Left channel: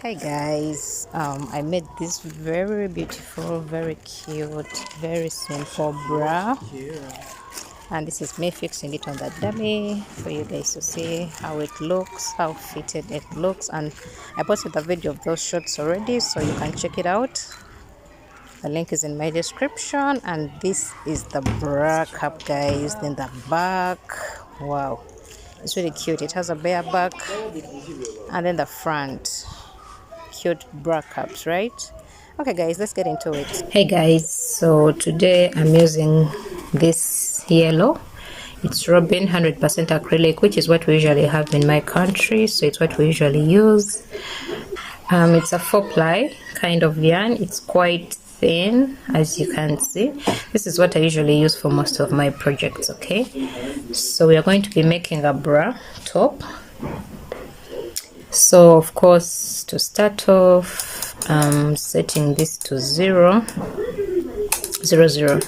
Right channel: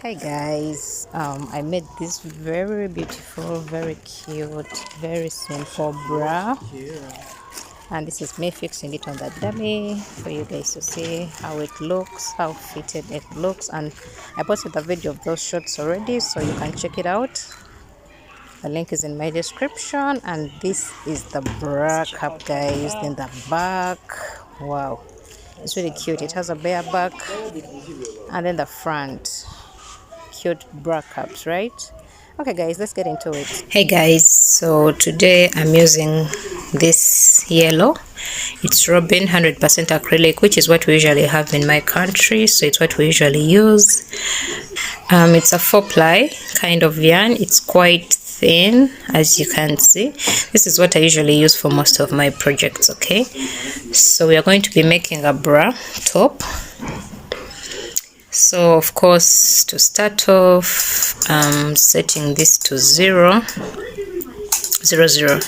Hey guys, I made this very beautiful, very cute, very simple bra, and this is me fixing it on the dummy for you guys to see how it looks, how fitted it looks. And I posted a video of those shots already, so you can check it out. The link is in my description. And this is the bra cup, guys, in the back. Wow, it's really cute. It has a bare back, and then the front, cute bra cups, right? Okay guys, let's get into it. Hey guys, so today I'm using this yellow. It's Robin 100% acrylic, which is what we usually have in my country, so it's what we usually use. It's a 4-ply kind of yarn. It's quite thin, as you can see. This is what I usually use for most of my projects. Okay, so we are going to be making a bra top. So of course, to start off, I'm setting this to 0, 0, 0.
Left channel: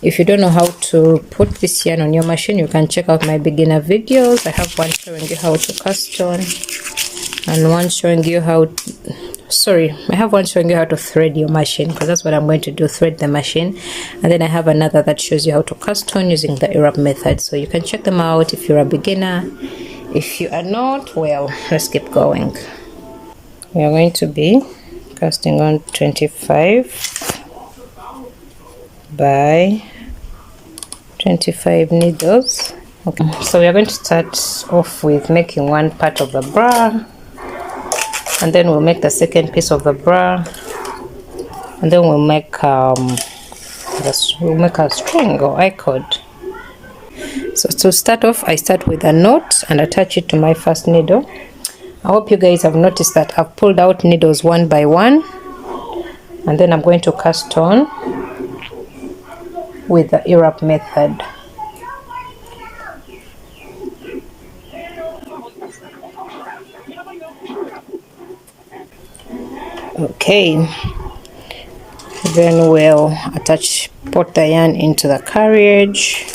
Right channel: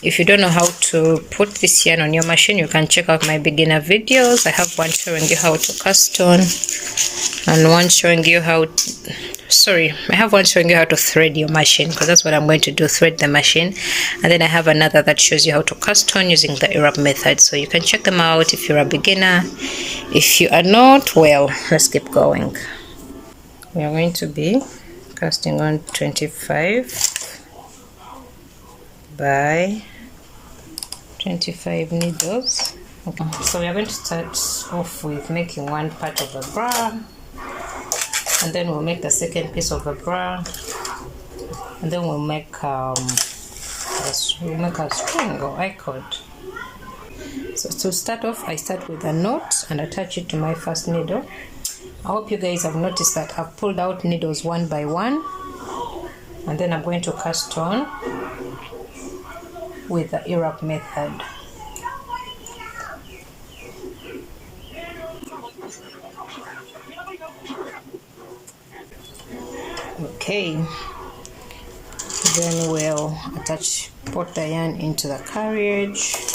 If you don't know how to put this yarn on your machine, you can check out my beginner videos. I have one showing you how to cast on, and one showing you how I have one showing you how to thread your machine, because that's what I'm going to do, thread the machine. And then I have another that shows you how to cast on using the Arab method, so you can check them out if you're a beginner. If you are not, well, let's keep going. We're going to be casting on 25 by 25 needles. Okay, so we are going to start off with making one part of the bra, and then we'll make the second piece of the bra, and then we'll make a string or I-cord. So to start off, I start with a knot and attach it to my first needle. I hope you guys have noticed that I've pulled out needles one by one, and then I'm going to cast on with the Arab method. Okay, then we'll put the yarn into the carriage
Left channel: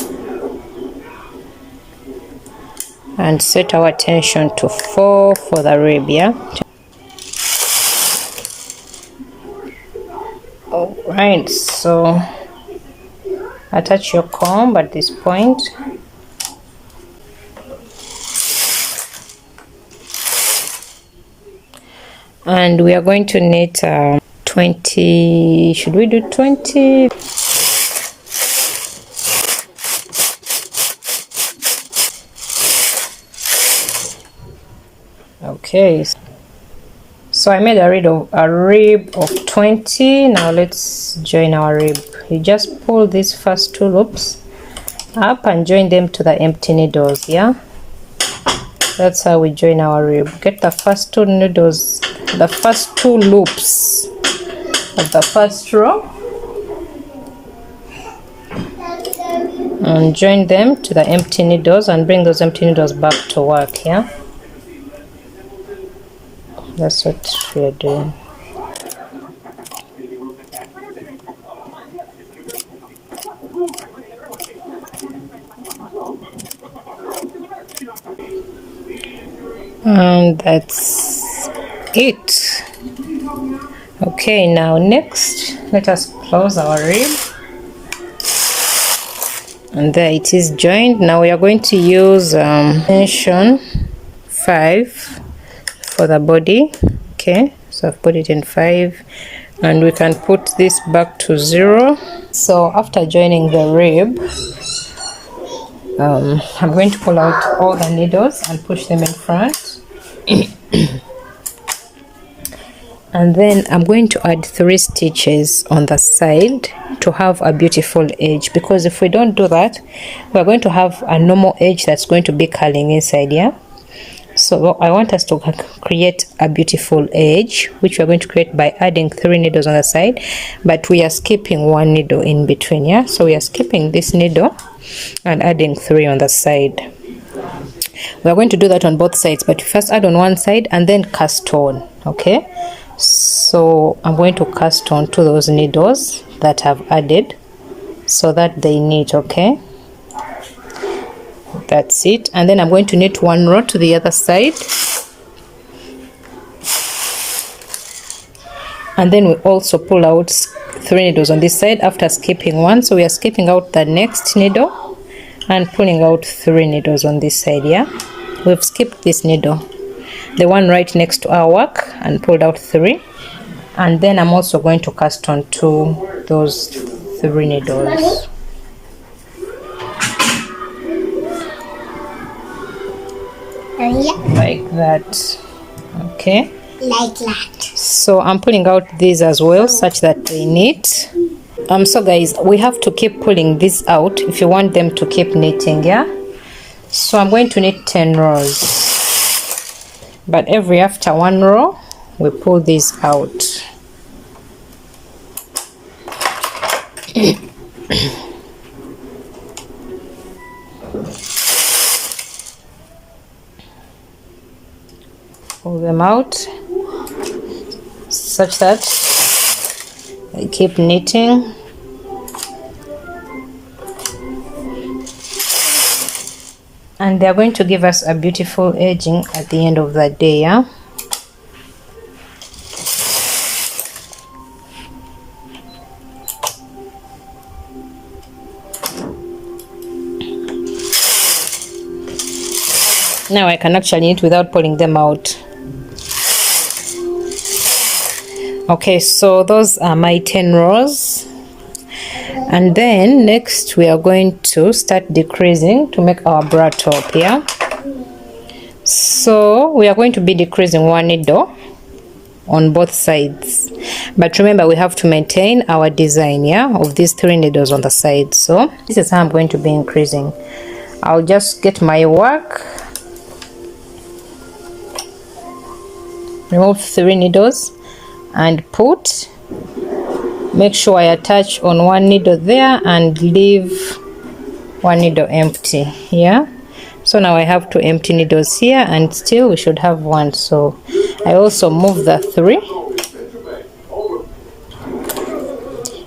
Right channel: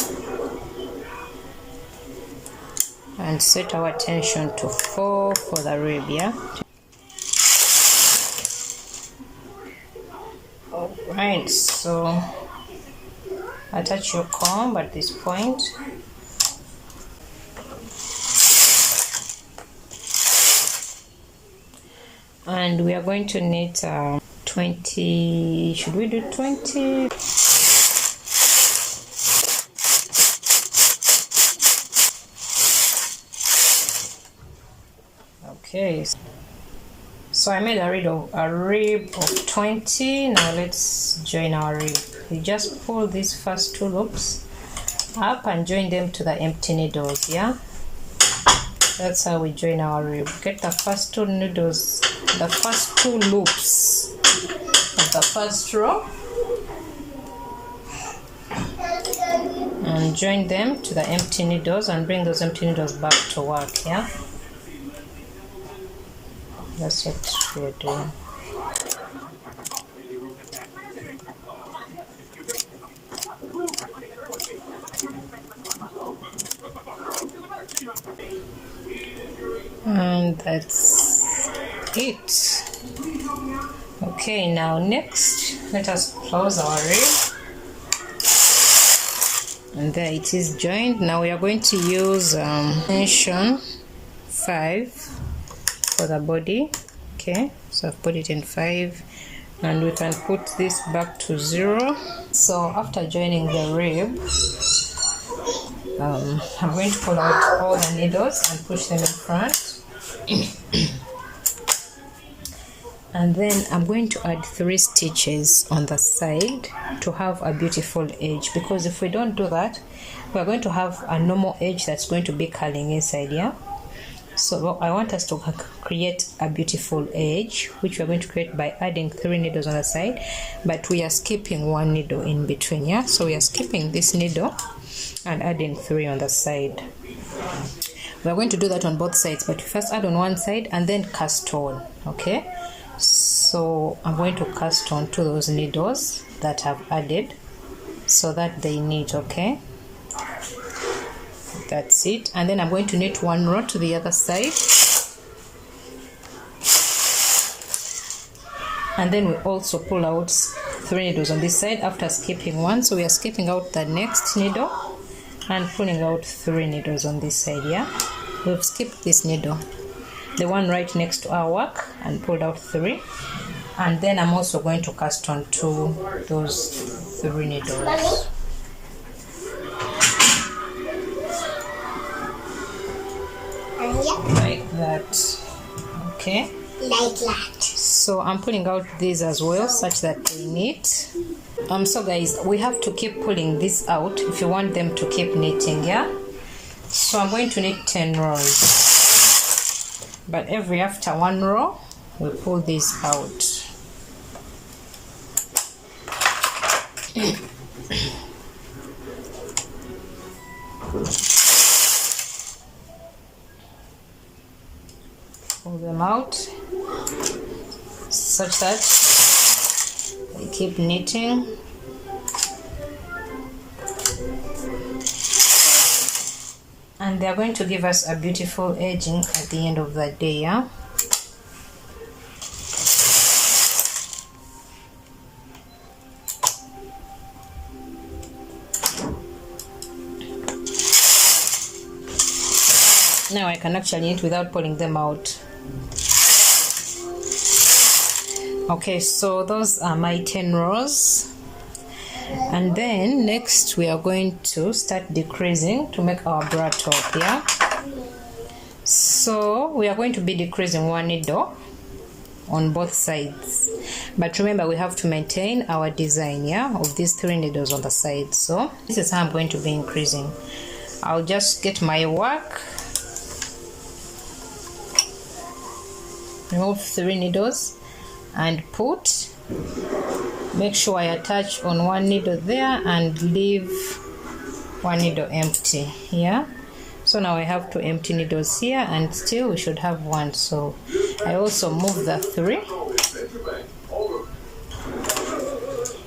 and set our tension to 4 for the rib. Yeah. All right, so attach your comb at this point. And we are going to knit 20, should we do 20? Okay, so I made a rib of 20. Now let's join our rib. You just pull these first 2 loops up and join them to the empty needles. Yeah, that's how we join our rib. Get the first 2 needles, the first 2 loops of the first row, and join them to the empty needles and bring those empty needles back to work. Yeah, that's what we are doing. And that's it. Okay, now next, let us close our rib, and there it is joined. Now we are going to use tension 5 for the body. Okay, so I've put it in 5, and we can put this back to 0. So after joining the rib, I'm going to pull out all the needles and push them in front. And then I'm going to add 3 stitches on the side to have a beautiful edge, because if we don't do that, we're going to have a normal edge that's going to be curling inside. Yeah, so I want us to create a beautiful edge, which we're going to create by adding 3 needles on the side, but we are skipping 1 needle in between. Yeah, so we are skipping this needle and adding 3 on the side. We are going to do that on both sides, but first add on one side and then cast on. Okay, so I'm going to cast on to those needles that I've added so that they knit. Okay, That's it. And then I'm going to knit one row to the other side, and then we also pull out 3 needles on this side after skipping one. So we are skipping out the next needle and pulling out 3 needles on this side. Yeah, we've skipped this needle, the one right next to our work, and pulled out 3. And then I'm also going to cast on to those 3 needles. Like that. Okay, like that. So I'm pulling out these as well, such that they knit. So guys, we have to keep pulling this out if you want them to keep knitting. Yeah, so I'm going to knit 10 rows, but every after 1 row we pull this out. Pull them out such that they keep knitting. And they're going to give us a beautiful edging at the end of the day. Yeah, now I can actually knit without pulling them out. Okay, so those are my 10 rows. And then next we are going to start decreasing to make our bra top. Yeah, so we are going to be decreasing 1 needle on both sides, but remember we have to maintain our design, yeah, of these 3 needles on the side. So this is how I'm going to be increasing. I'll just get my work, remove 3 needles and put, make sure I attach on 1 needle there and leave 1 needle empty. Yeah, so now I have 2 empty needles here, and still we should have 1. So I also move the 3.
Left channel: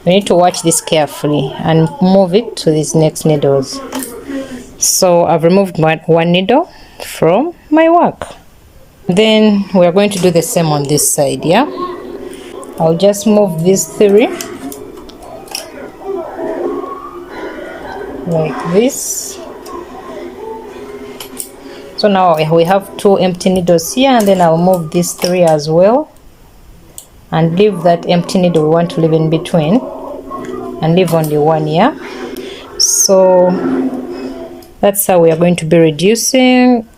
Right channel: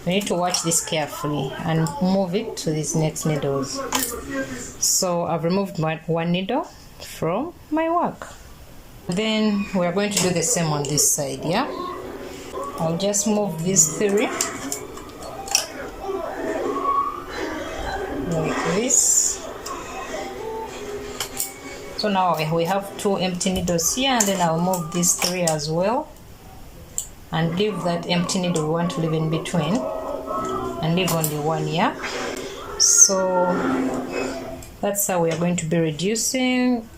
We need to watch this carefully and move it to these next needles. So I've removed 1 needle from my work. Then we are going to do the same on this side. Yeah, I'll just move these 3 like this. So now we have 2 empty needles here, and then I'll move these 3 as well and leave that empty needle we want to leave in between and leave only 1 here. So that's how we are going to be reducing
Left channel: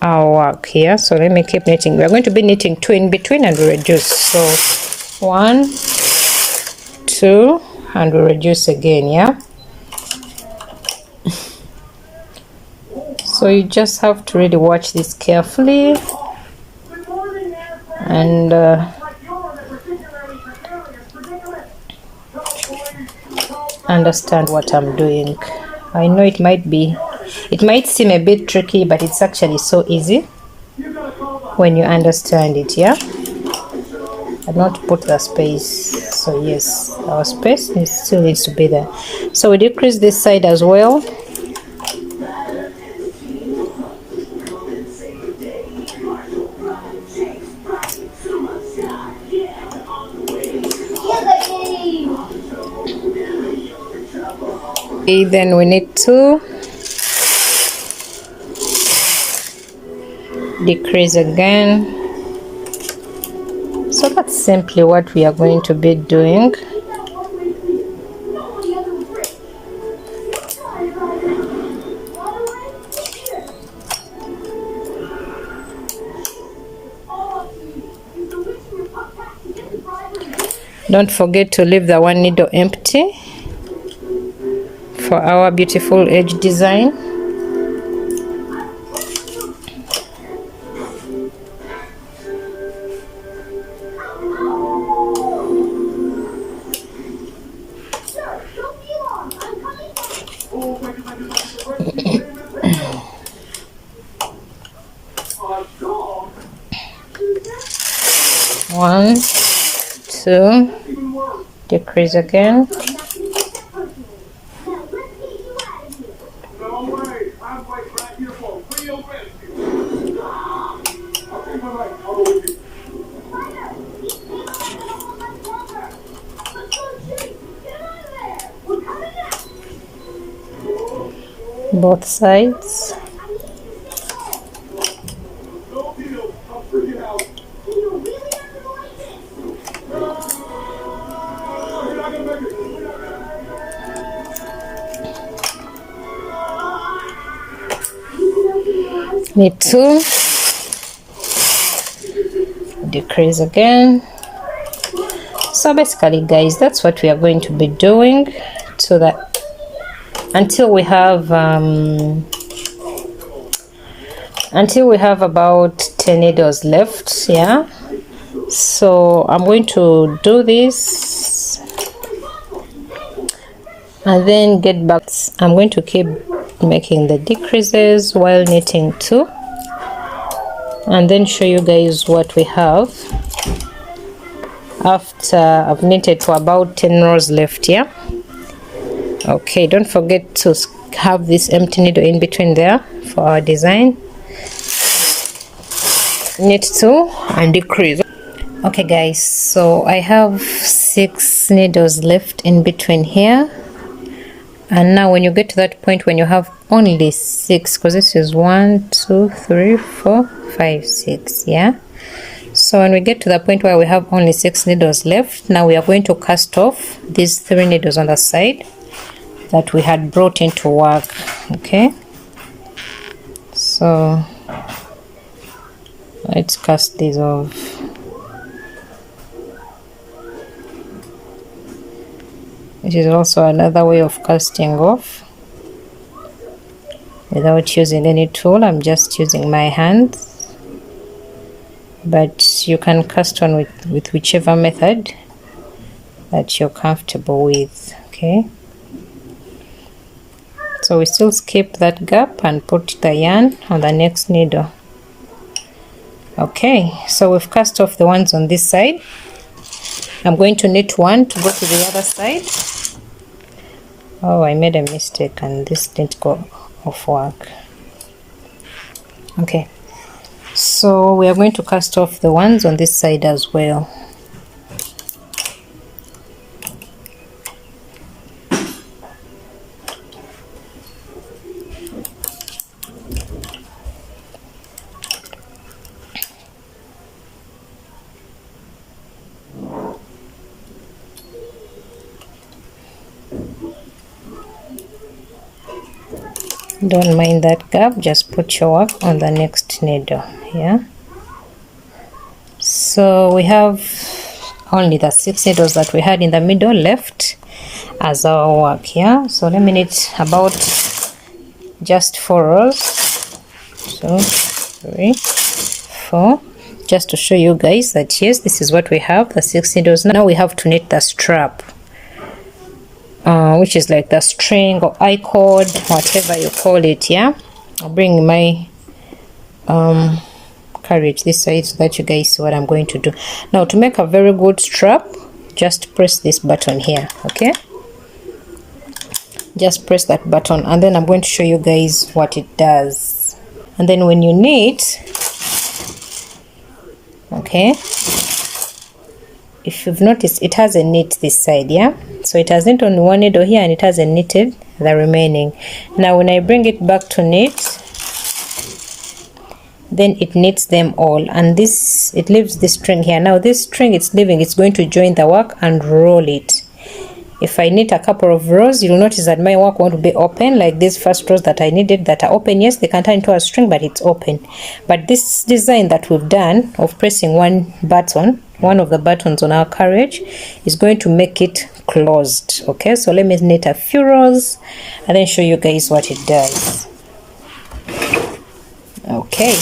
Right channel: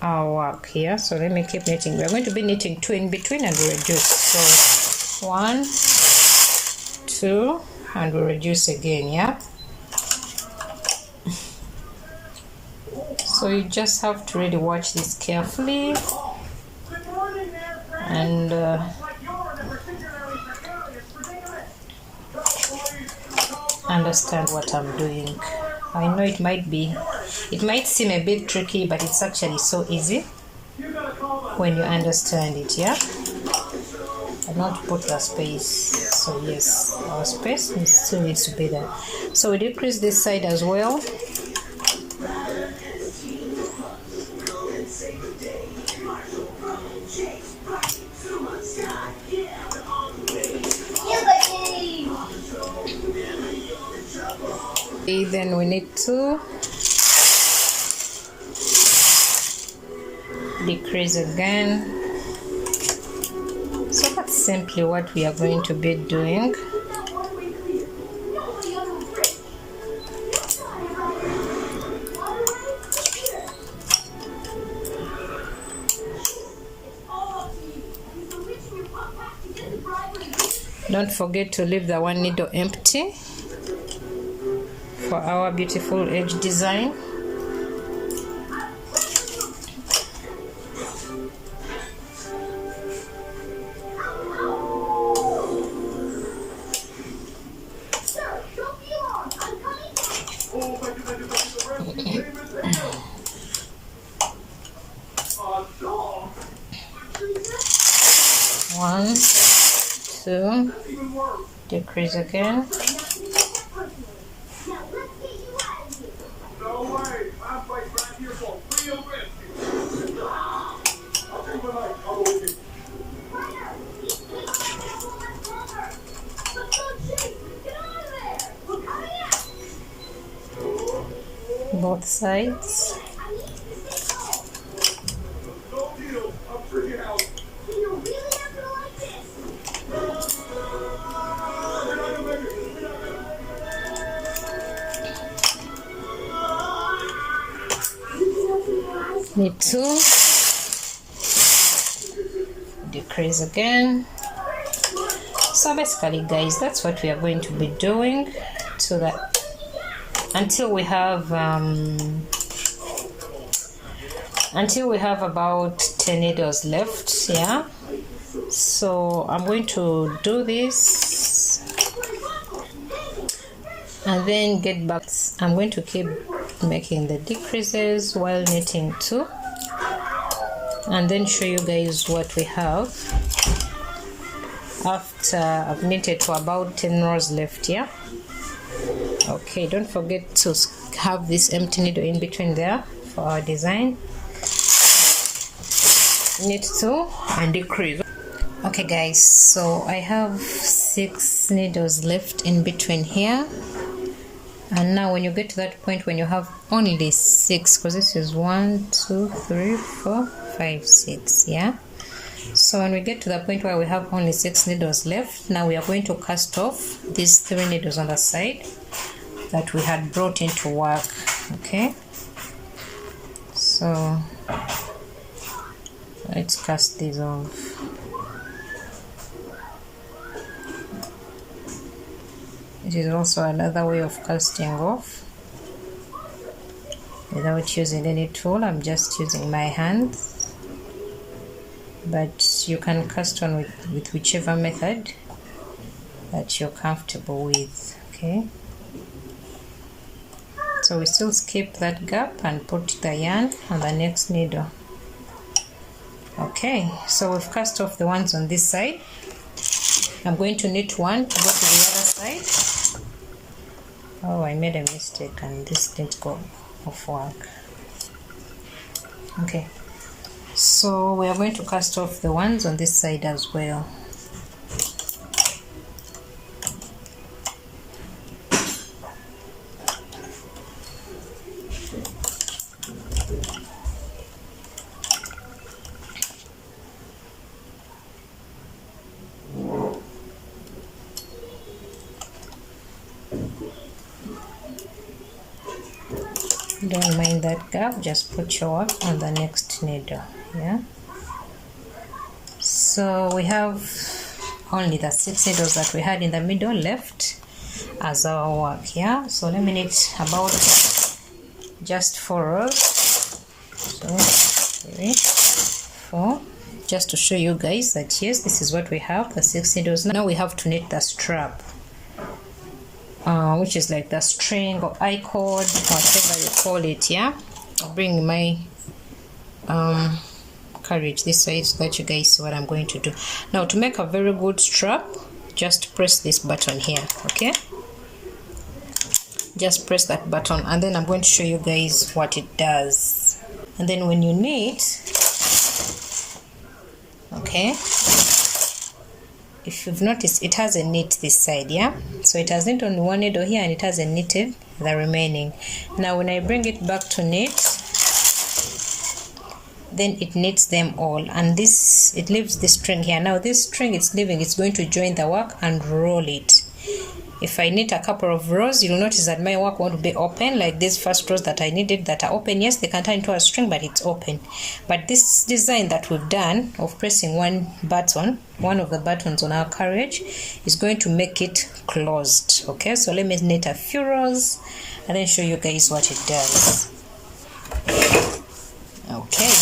our work here. So let me keep knitting. We are going to be knitting 2 in between and we reduce. So 1, 2, and we reduce again. Yeah, so you just have to really watch this carefully and understand what I'm doing. I know it might seem a bit tricky, but it's actually so easy when you understand it. Yeah, I not put the space, so yes, our space still needs to be there. So we decrease this side as well. Okay, then we need to decrease again. So that's simply what we are going to be doing. Don't forget to leave the 1 needle empty for our beautiful edge design. One, 2, decrease again. Both sides. Need to decrease again. So basically, guys, that's what we are going to be doing so that until we have about 10 needles left. Yeah, so I'm going to do this and then get back. I'm going to keep making the decreases while knitting too, and then show you guys what we have after I've knitted for about 10 rows left. Yeah, okay, don't forget to have this empty needle in between there for our design. Knit 2 and decrease. Okay guys, so I have 6 needles left in between here. And now when you get to that point when you have only 6, because this is 1 2 3 4 5 6, yeah, so when we get to the point where we have only 6 needles left, now we are going to cast off these 3 needles on the side that we had brought into work. Okay, so let's cast these off. It is also another way of casting off without using any tool. I'm just using my hands, but you can cast on with whichever method that you're comfortable with. Okay, so we still skip that gap and put the yarn on the next needle. Okay, so we've cast off the ones on this side. I'm going to knit 1 to go to the other side. Oh, I made a mistake and this didn't go off work. Okay, so we are going to cast off the ones on this side as well. Don't mind that gap, just put your work on the next needle. Yeah, so we have only the 6 needles that we had in the middle left as our work. Yeah, so let me knit about just 4 rows. So 3 4, just to show you guys that yes, this is what we have, the 6 needles. Now we have to knit the strap, which is like the string or I-cord, whatever you call it. Yeah, I'll bring my carriage this side so that you guys see what I'm going to do. Now to make a very good strap, just press this button here. Okay, just press that button and then I'm going to show you guys what it does. And then when you knit, okay, if you've noticed, it has a knit this side. Yeah, so it has knit on one needle here and it hasn't knitted the remaining. Now when I bring it back to knit, then it knits them all, and this, it leaves this string here. Now this string it's leaving, it's going to join the work and roll it. If I knit a couple of rows, you'll notice that my work won't be open like these first rows that I knitted that are open. Yes, they can turn into a string, but it's open. But this design that we've done of pressing one of the buttons on our carriage is going to make it closed. Okay, so let me knit a few rows and then show you guys what it does. Okay,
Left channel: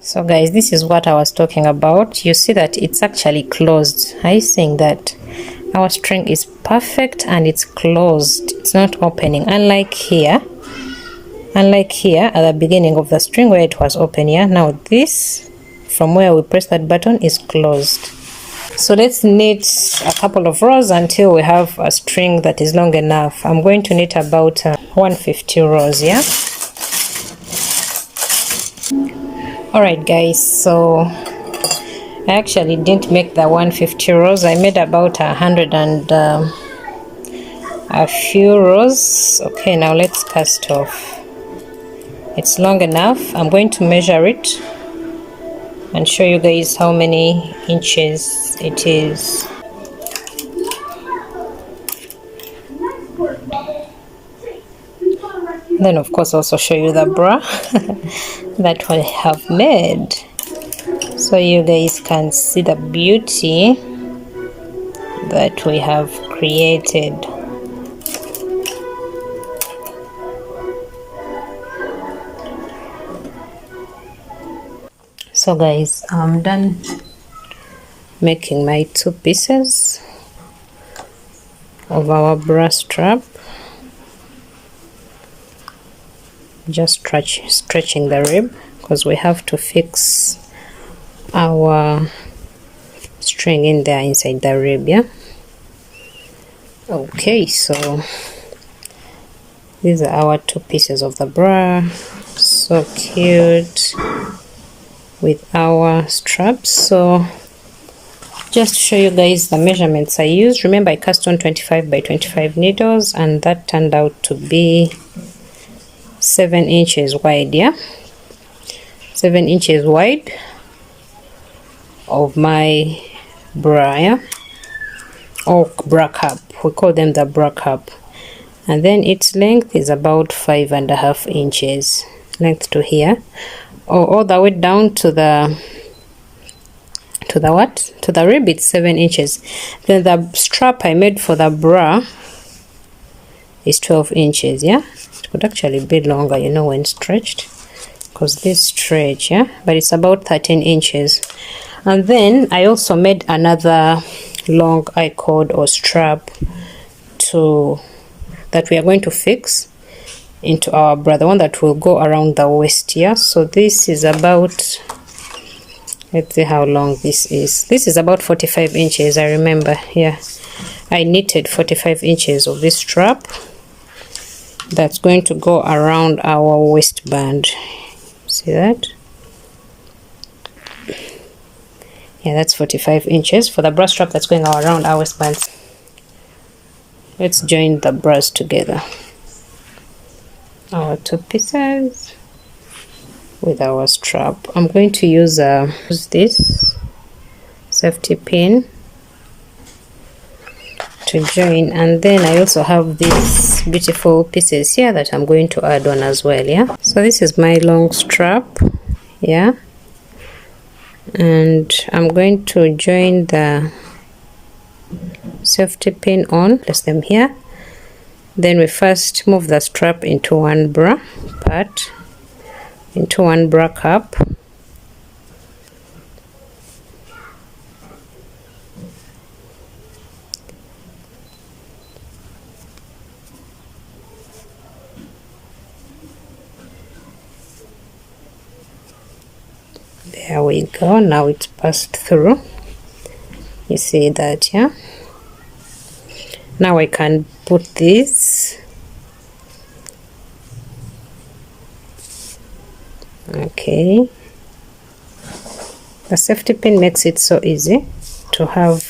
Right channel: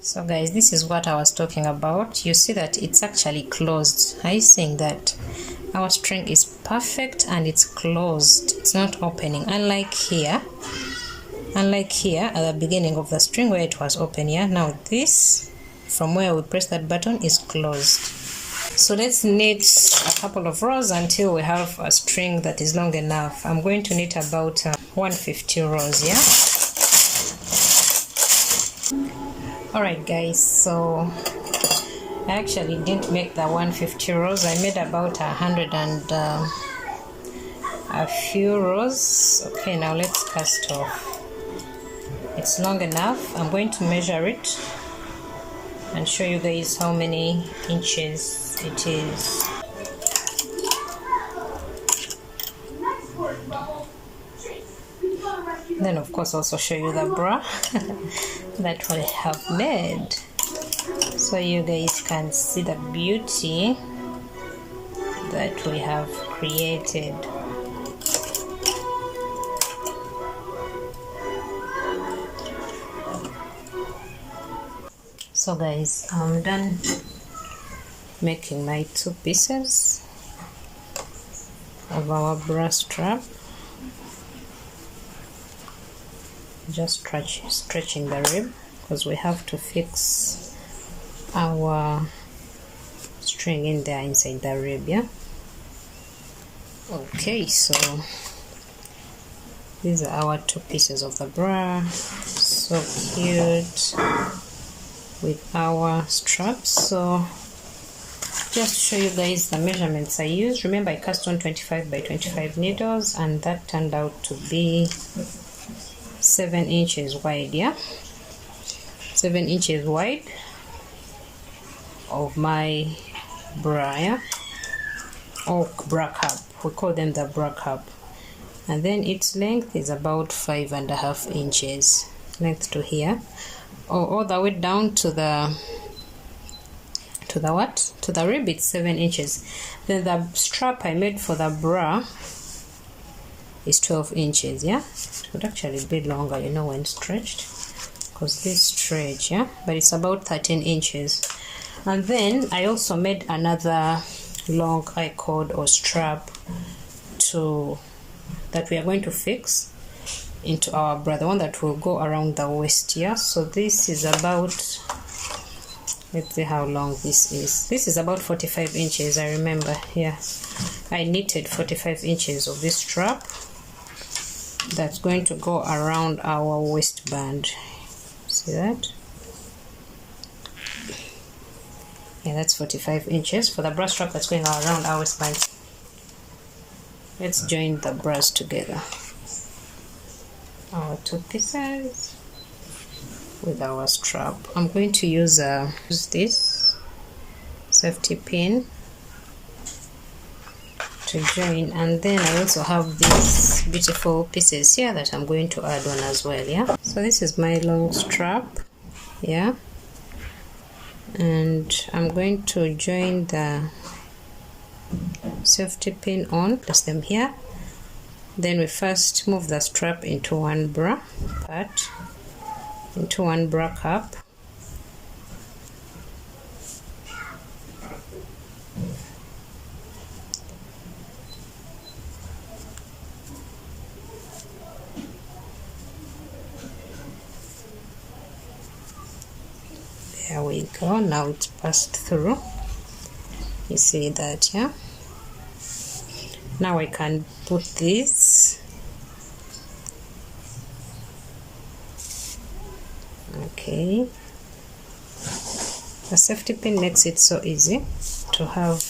so guys, this is what I was talking about. You see that it's actually closed. I'm saying that our string is perfect and it's closed, it's not opening, unlike here at the beginning of the string where it was open. Yeah, now this from where we press that button is closed. So let's knit a couple of rows until we have a string that is long enough. I'm going to knit about 150 rows, yeah? Alright guys, so I actually didn't make the 150 rows. I made about 100 and a few rows. Okay, now let's cast off. It's long enough. I'm going to measure it and show you guys how many inches it is. Then of course also show you the bra that I have made, so you guys can see the beauty that we have created. So guys, I'm done making my 2 pieces of our bra strap. Just stretching the rib because we have to fix our string in there inside the rib, yeah? Okay, so these are our 2 pieces of the bra. So cute with our straps. So just to show you guys the measurements I used, remember I cast on 25 by 25 needles, and that turned out to be 7 inches wide, yeah? 7 inches wide of my bra, yeah? Or bra cup, we call them the bra cup. And then its length is about 5.5 inches length to here, or all the way down to the rib. It's 7 inches. Then the strap I made for the bra is 12 inches, yeah? It could actually be longer, you know, when stretched, because this stretch, yeah? But it's about 13 inches. And then I also made another long I-cord or strap that we are going to fix into our bra, the one that will go around the waist, yeah? So this is about, let's see how long this is. This is about 45 inches, I remember. Yeah, I knitted 45 inches of this strap that's going to go around our waistband. See that? Yeah, that's 45 inches for the bra strap that's going around our waistband. Let's join the bras together. Our 2 pieces with our strap. I'm going to use this safety pin to join, and then I also have these beautiful pieces here that I'm going to add on as well, yeah? So this is my long strap, yeah? And I'm going to join the safety pin on, place them here. Then we first move the strap into one bra part, into one bra cup. There we go, now it's passed through. You see that, yeah? Now I can put this. Okay. The safety pin makes it so easy to have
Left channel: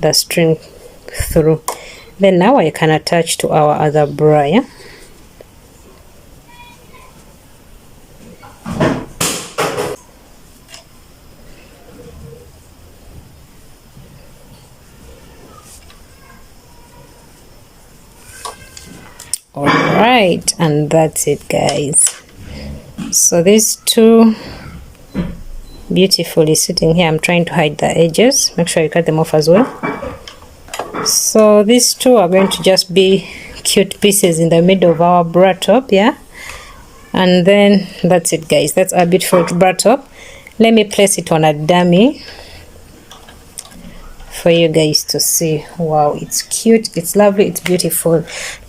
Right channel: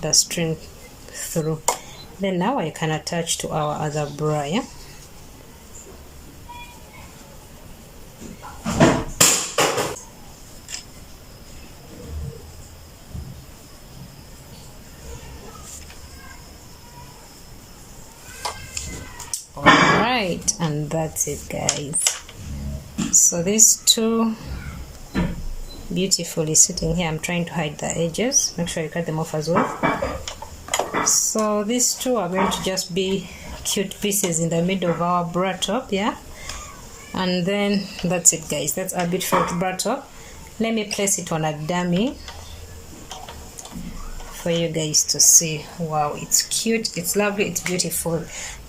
the string through. Then now I can attach to our other bra, yeah? Alright, and that's it, guys. So these 2 beautifully sitting here. I'm trying to hide the edges. Make sure you cut them off as well. So these 2 are going to just be cute pieces in the middle of our bra top, yeah? And then that's it, guys. That's our beautiful bra top. Let me place it on a dummy for you guys to see. Wow, it's cute, it's lovely, it's beautiful.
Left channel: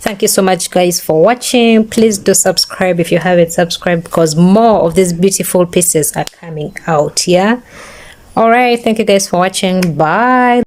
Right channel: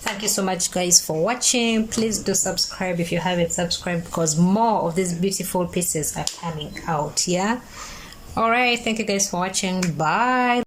Thank you so much guys for watching. Please do subscribe if you haven't subscribed, because more of these beautiful pieces are coming out. Yeah, all right, thank you guys for watching. Bye.